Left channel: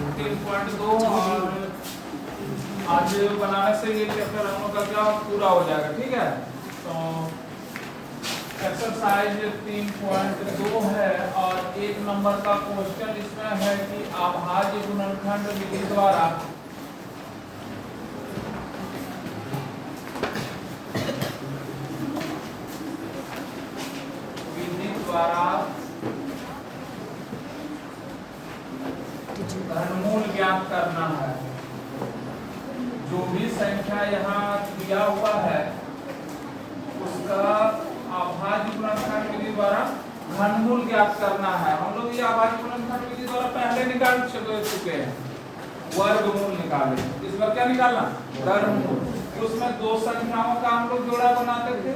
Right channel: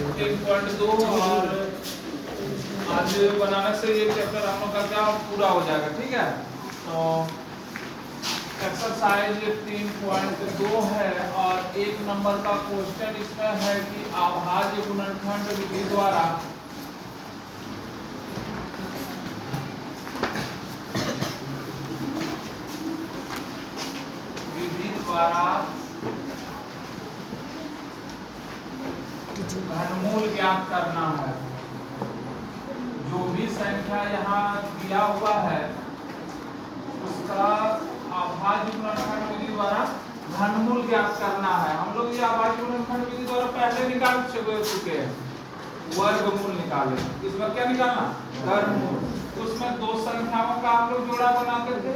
3.2 और आज बनाने से ये चैप्टर हम लोग का पूरा हो जाएगा। ठीक है, तो एक्सरसाइज 3.2 है और 1 नंबर का क्वेश्चन इसमें है कि अभाज्य गुणनखंड विधि द्वारा घनमूल ज्ञात करना है। जो भी संख्या यहाँ दिया हुआ है उसका अभाज्य गुणनखंड विधि द्वारा घनमूल ज्ञात करना है। हम लोग ये अभाज्य गुणनखंड विधि द्वारा पहले निकाल चुके हैं, वर्गमूल निकाले। इसमें क्या निकालना? वर्गमूल। उसमें 2 संख्याओं का हम लोग जोड़ा बनाते थे,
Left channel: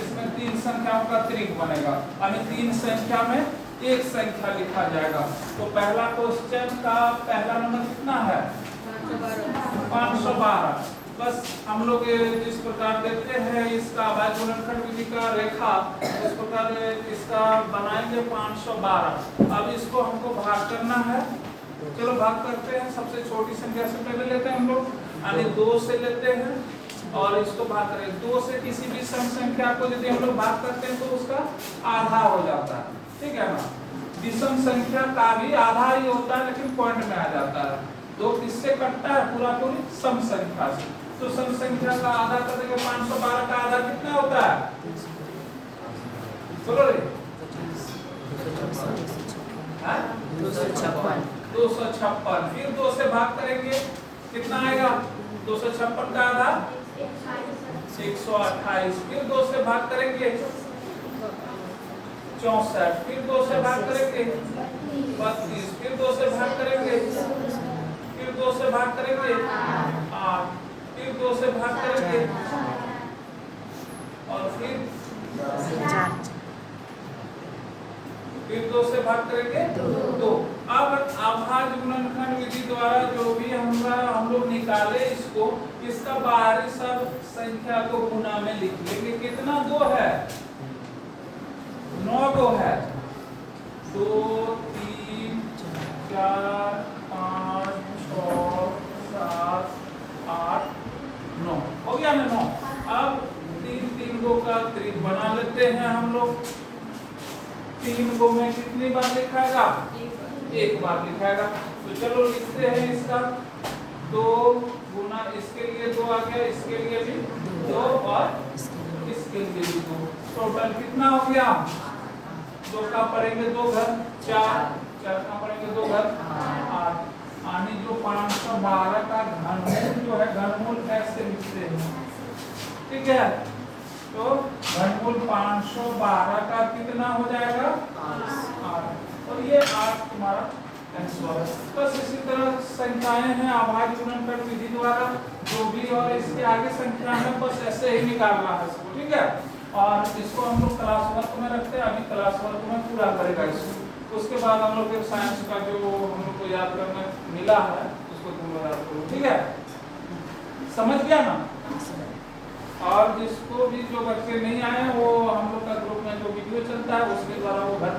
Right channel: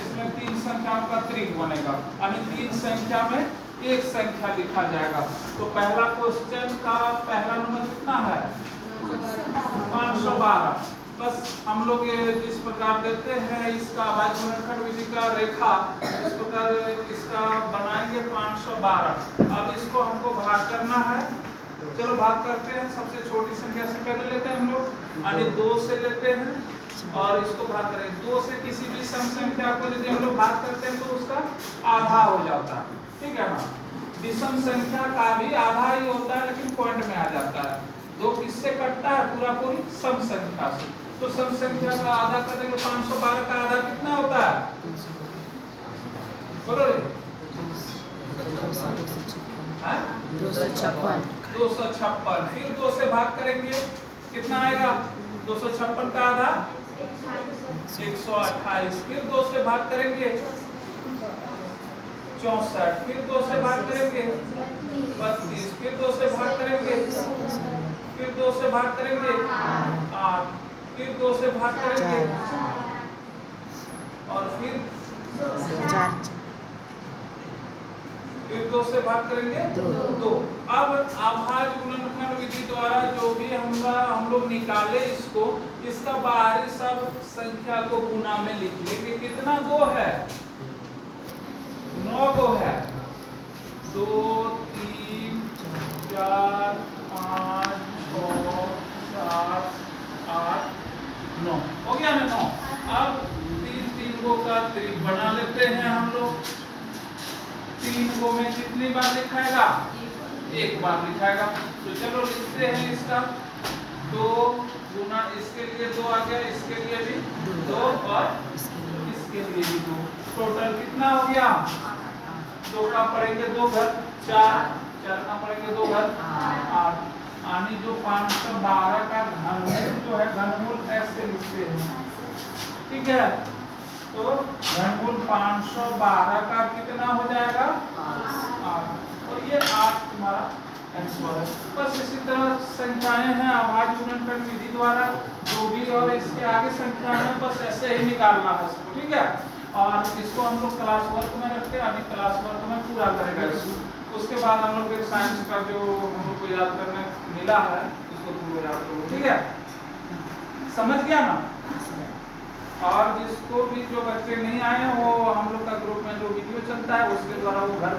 इसमें 3 संख्याओं का त्रिक बनेगा, यानी 3 संख्या में एक संख्या लिखा जाएगा। तो पहला क्वेश्चन का पहला नंबर कितना है? 512। बस हम लोग जिस प्रकार देखते हैं इसका अभाज्य गुणनखंड विधि का रेखा, इस प्रकार इसका बनाएंगे 512। अब इसको हमको भाग करना है। चलो भाग करते हैं। सबसे छोटी संख्या से पहले लेते हैं हम लोग, यानी 2 से लेते हैं और इसको भाग करें। 2 से किसी भी सम संख्या को यदि हम लोग भाग करते हैं तो उसका आधा हो जाता है। ठीक है ना, विषम संख्या का भी आधा ही होता है लेकिन पॉइंट में आ जाता है। 2 किससे कटता है? पूरा पूरी सम संख्या से। तो सम संख्या का आधा करेंगे, 512 का आधा कितना होता है? बोलो रे। 256। फिर 2 से भाग करेंगे, कितना आएगा? 256 का आधा 128। फिर 2 से भाग करेंगे 64। फिर 2 से भाग करेंगे 32। फिर 2 से भाग करेंगे, फिर 2 से भाग करेंगे 8। फिर 2 से भाग करेंगे और फिर 2 से भाग करेंगे 2। अब अभाज्य गुणनखंड विधि द्वारा जो भी हम लोग निकाले इसको, इसका बाहरी सब संख्या को गुना में लिख लेंगे। कितना 2 है? 9 को है। 2 3 4 5 6 7 8 9 हो गया ना 9। अब 3 गो का त्रिक बना लेते हैं हम लोग। 3 गो में कितनी बार लिखाएगा? 1 बार लिखाएगा। तो चलो लिखते हैं इसका 2 गुना, इसके लिए 2 आ गया, इसके लिए भी 2 और इसके लिए भी 2। टोटल कितना हो गया? 2 का पड़ेंगे 2 घर 4, 4 का पड़ेंगे 2 घर 8। यानी जो 512 का घनमूल जो है, घनमूल ऐसे लिखते हैं। ठीक है, तो घनमूल 512 का कितना हो जाएगा? 8। और ये 8 तुम्हारा आंसर है। बस इसी तरह संख्याएं हैं अभाज्य गुणनखंड विधि द्वारा जो भी, और इसके आगे संख्या है बस ऐसे ही निकालना है इसको। ठीक है, और इसको हम लोग क्लास वर्क में रखते हैं। अभी क्लास वर्क में पूरा करेगा इसको। उसके बाद हम लोग साइंस का जो हम लोग को याद करने मिला है उसको तुम लोग याद करो। ठीक है, समझ गया ना? और जिसको भी जो बच्चे नहीं आए वो हम लोग का ग्रुप में जो वीडियो चलता है उसके द्वारा वो घर